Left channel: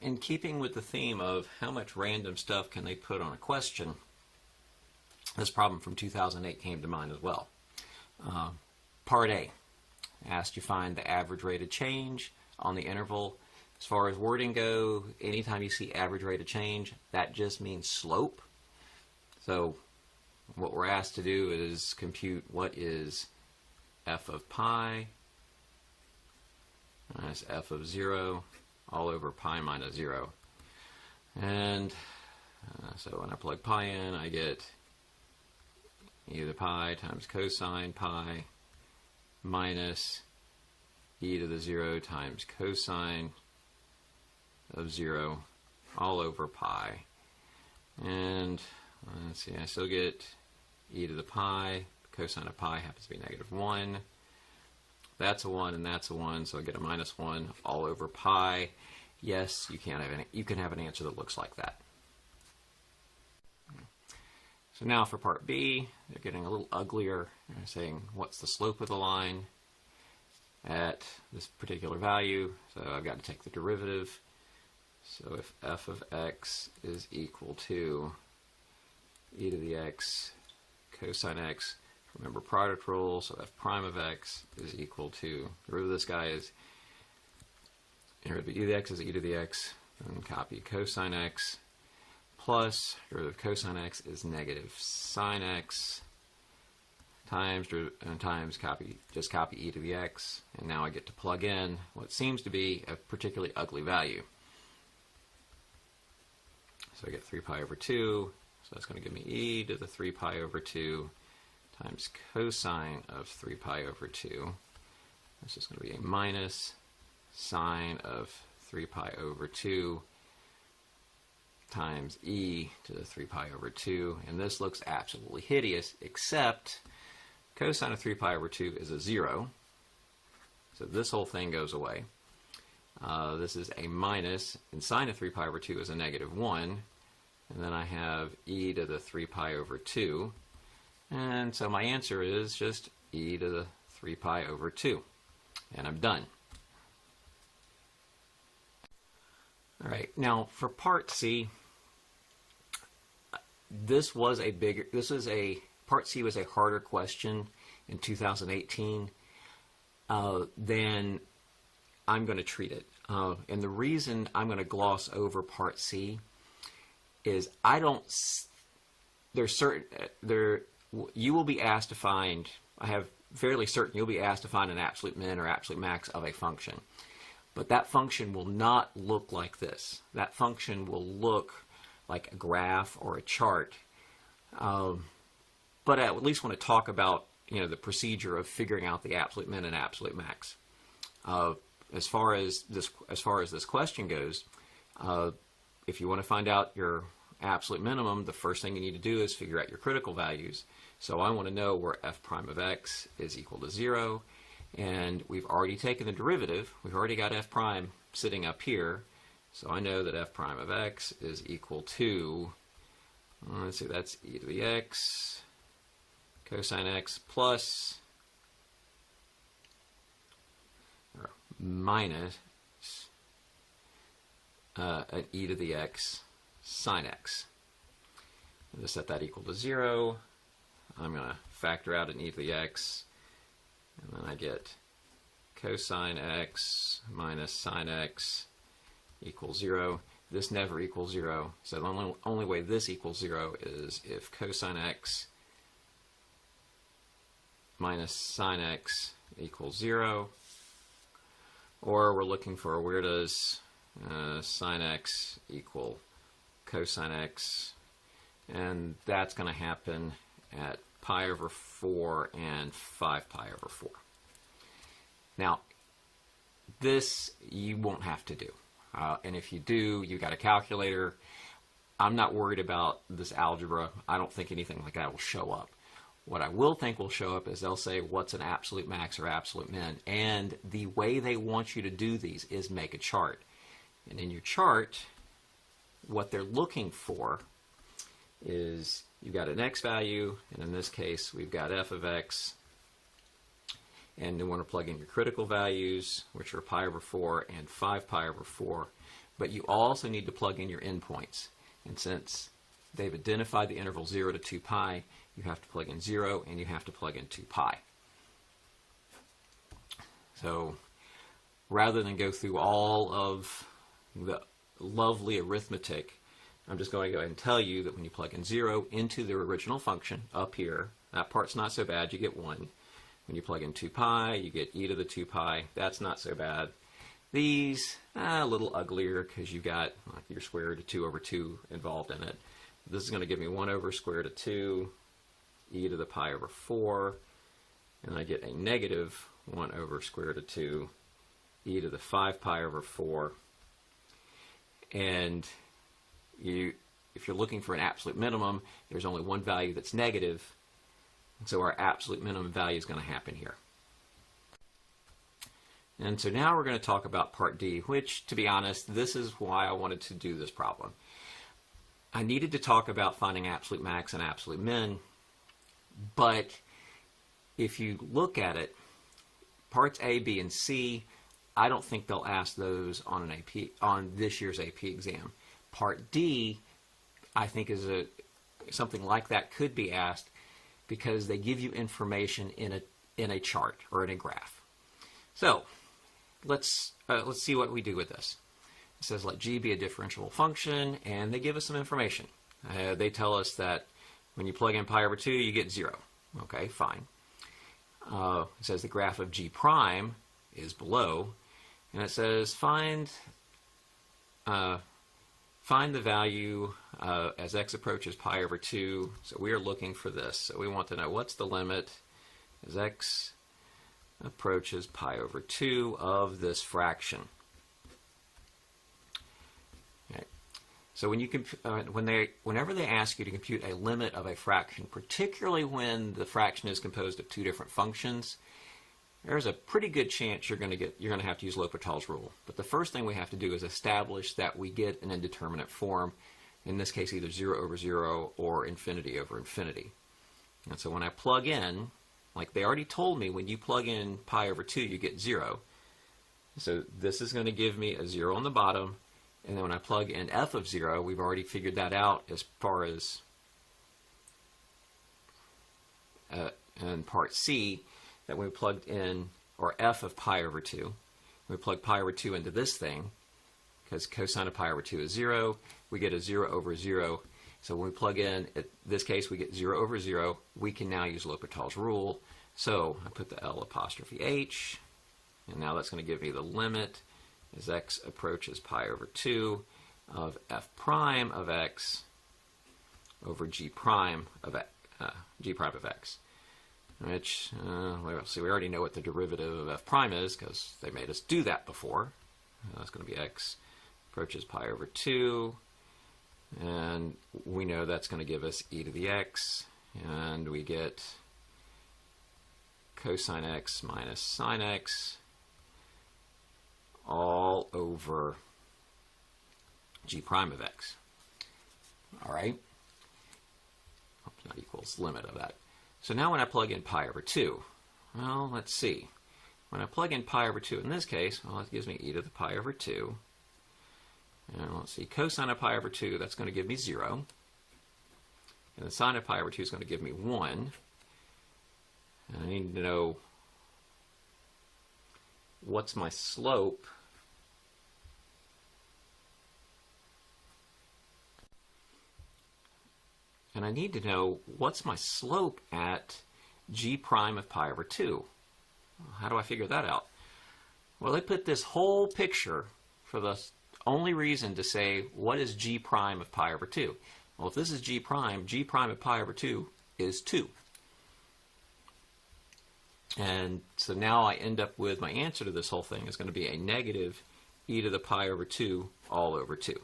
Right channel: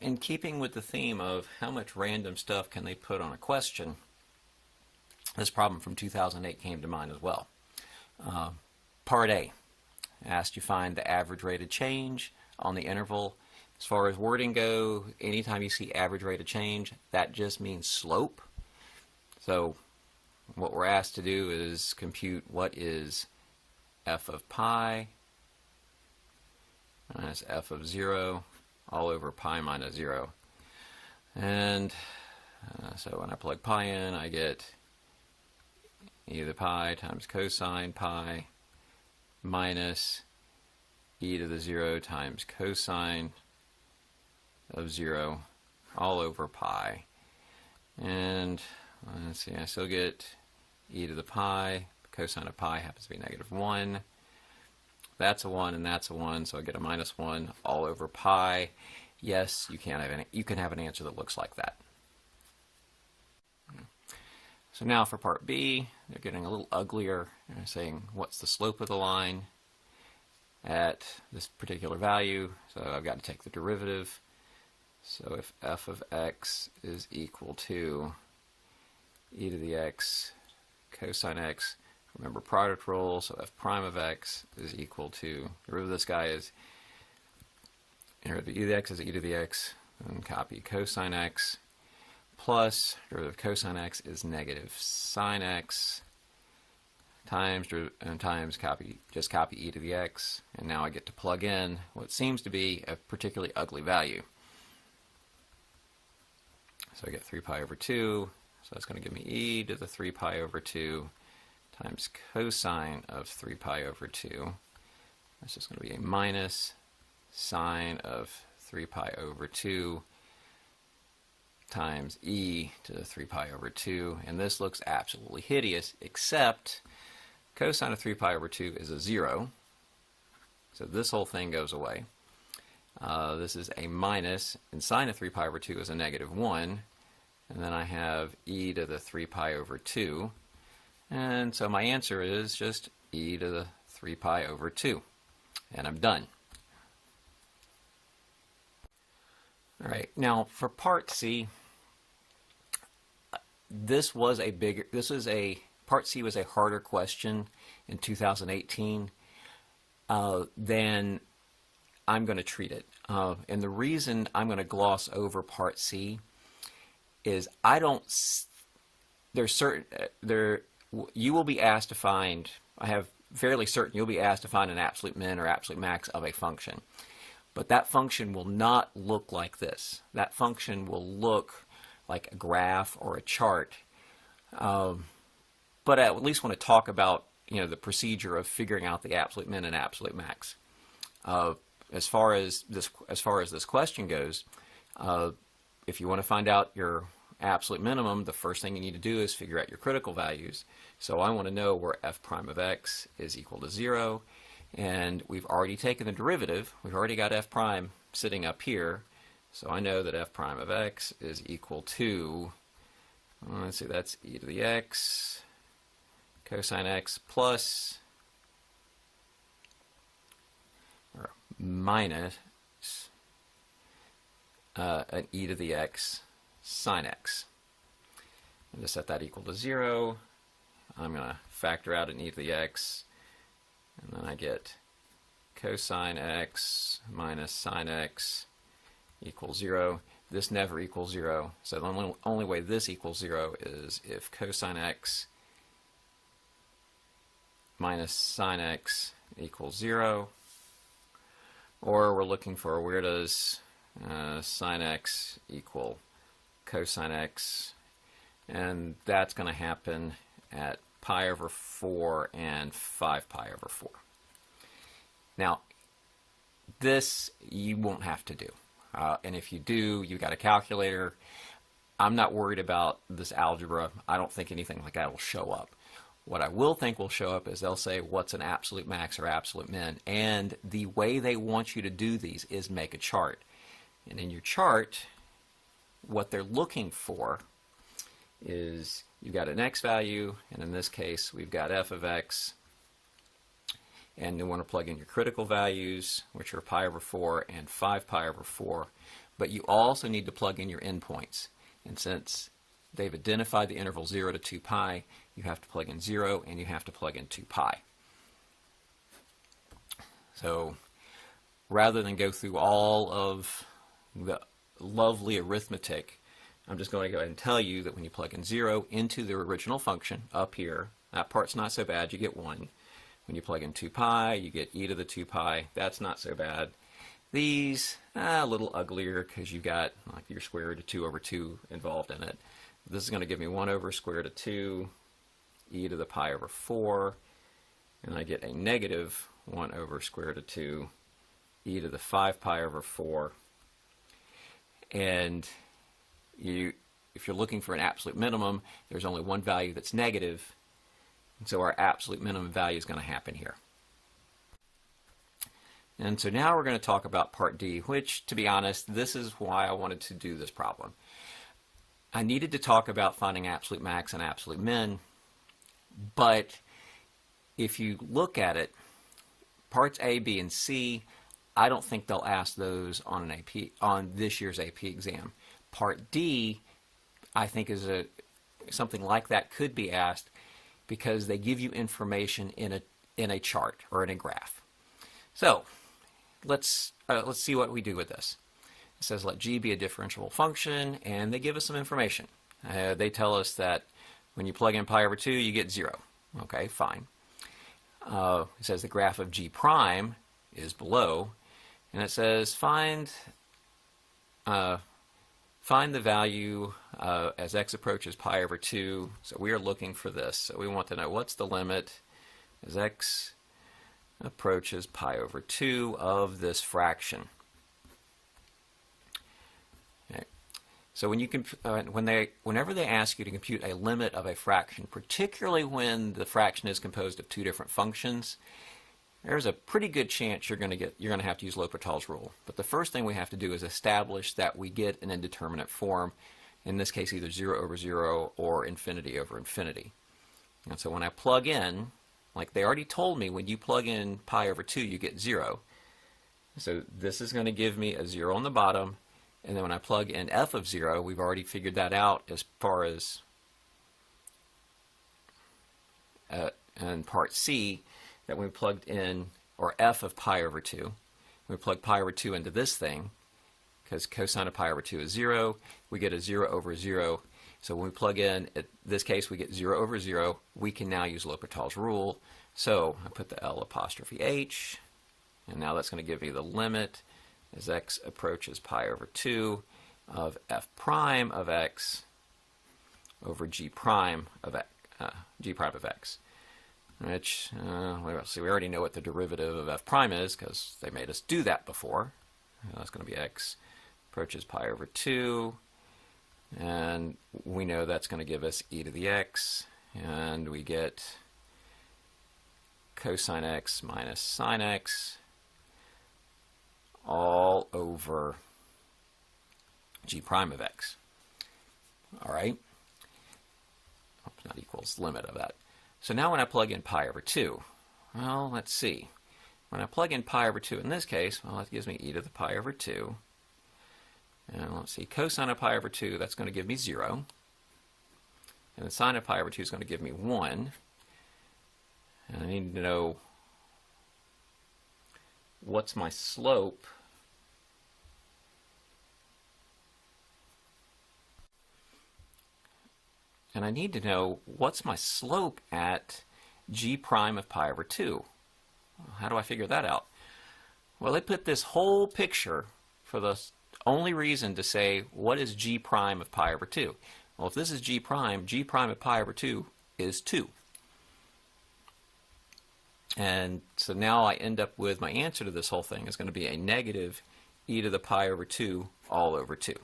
in keeping with the theme of how much random stuff can they put on a question, this problem from 2008 came to mind as well. Part A asked you find the average rate of change on the interval. As far as wording go, anytime you see average rate of change, that just means slope. So what we're asked to do is compute what is f of pi minus f of 0 all over pi minus 0. And so when I plug pi in, I get e to the pi times cosine pi minus e to the 0 times cosine of 0 all over pi. And let's see, I still get e to the pi. Cosine of pi happens to be -1. That's a 1 and that's a 1, so I get a -1 all over pi. Yes, you can have an answer that looks like that. So now for part B, they're getting a little uglier. They're saying, what's the slope of the line at this particular value? So I've got to take the derivative. So if f of x is equal to e to the x cosine x, remember product rule, so f prime of x is equal to, derivative of this guy is, derivative of e to the x is e to the x, and copy cosine x, plus derivative of cosine x is negative sine x, times just copy e to the x, and now I get to plug in what seems to be a particularly ugly value. So I get 3 pi over 2, so that's going to give me e to the 3 pi over 2 times cosine of 3 pi over 2. That's just going to be a minus sine of 3 pi over 2 times e to the 3 pi over 2. And this looks absolutely hideous, except cosine of 3 pi over 2 is a 0. So this whole thing goes away. This is a minus, and sine of 3 pi over 2 is a -1. And then I have e to the 3 pi over 2. And so my answer is just e to the 3 pi over 2. And I'm done. All right, now for part C, part C was a harder question in 2018 than I'm going to treat it. And the reason I'm going to gloss over part C is you will be asked to find, I have fairly certain you'll be asked to find an absolute min or absolute max of a function. But that function will not look like this. That function will look like a graph or a chart. But I at least want to talk about the procedure of figuring out the absolute min and absolute max. As far as this question goes, if you want to find out your absolute minimum, the first thing you need to do is figure out your critical values. So I want to know where f prime of x is equal to 0, and we've already taken the derivative. We've already got f prime sitting up here, so I know that f prime of x is equal to, let's see, that's e to the x cosine x plus or minus an e to the x sine x. I'm going to set that equal to 0. I'm going to factor out an e to the x, and then I get cosine x minus sine x equals 0. This never equals 0, so the only way this equals 0 is if cosine x minus sine x equals 0, or we're looking for where does sine x equal cosine x, and that's going to happen at pi over 4 and 5 pi over 4. Now, this you won't have to do. And if you do, you've got a calculator. I'm not worried about this algebra. I don't think anything like that will show up. What I will think will show up is they'll say, what's an absolute max or absolute min? And the way they want you to do these is make a chart. And in your chart, what they're looking for is you've got an x value, and in this case, we've got f of x. And you want to plug in your critical values, which are pi over 4 and 5 pi over 4. but you also need to plug in your endpoints. And since they've identified the interval 0 to 2 pi, you have to plug in 0 and you have to plug in 2 pi. So rather than go through all of the lovely arithmetic, I'm just going to go ahead and tell you that when you plug in 0 into the original function up here, that part's not so bad, you get 1. When you plug in 2 pi, you get e to the 2 pi. That's not so bad. These, a little uglier because you've got like your square root of 2 over 2 involved in it. This is going to give me 1 over square root of 2, e to the pi over 4, and I get a negative 1 over square root of 2, e to the 5 pi over 4. And if you're looking for an absolute minimum, there's only one value that's negative, and so our absolute minimum value is going to happen here. And so now we're going to talk about part D, which, to be honest, this is why I wanted to do this problem. I needed to talk about finding absolute max and absolute min, but if you look at it, parts A, B, and C, I don't think they'll ask those on an AP, on this year's AP exam. Part D, I think something like that could be asked because they give you information in a chart or in a graph. So let's see what we do with this. It says let G be a differentiable function, and they give us some information. They tell us that when you plug in pi over 2, you get 0. Okay, fine. It says the graph of G prime is below, and it says find the value as x approaches pi over 2. So we are looking for this. So we want to know what's the limit as x approaches pi over 2 of this fraction. Okay. So when you whenever they ask you to compute a limit of a fraction, particularly when the fraction is composed of two different functions, there's a pretty good chance you're going to have to use L'Hopital's rule. But the first thing we have to do is establish that we get an indeterminate form, in this case either 0 over 0 or infinity over infinity. And so when I plug in, like they already told me, when you plug in pi over 2, you get 0. So this is going to give me a 0 on the bottom, and then when I plug in f of 0, we've already figured that out as far as in part C, that when we plugged in, or f of pi over 2, we plug pi over 2 into this thing, because cosine of pi over 2 is 0, we get a 0 over 0. So when we plug in this case, we get 0 over 0. We can now use L'Hopital's rule. So I put the L apostrophe H, and now that's going to give me the limit as x approaches pi over 2 of f prime of x over g prime of x, which, we already know what the derivative of f prime is because they made us do that before. That's going to be x approaches pi over 2, and we know that's going to give us e to the x, and we get cosine x minus sine x all over g prime of x. All right? Not equals limit of that. So now when I plug in pi over 2, well, let's see. When I plug in pi over 2 in this case, well, that gives me e to the pi over 2. And let's see, cosine of pi over 2, that's going to give me 0. And the sine of pi over 2 is going to give me 1. And I need to know what's my slope. And I need to know what's my slope at g prime of pi over 2. How do I figure that out? Well, they put this whole picture for the only reason to say, what is g prime of pi over 2? Well, if this is g prime of pi over 2 is 2. And so now I end up with my answer to this whole thing is going to be a negative e to the pi over 2 all over 2.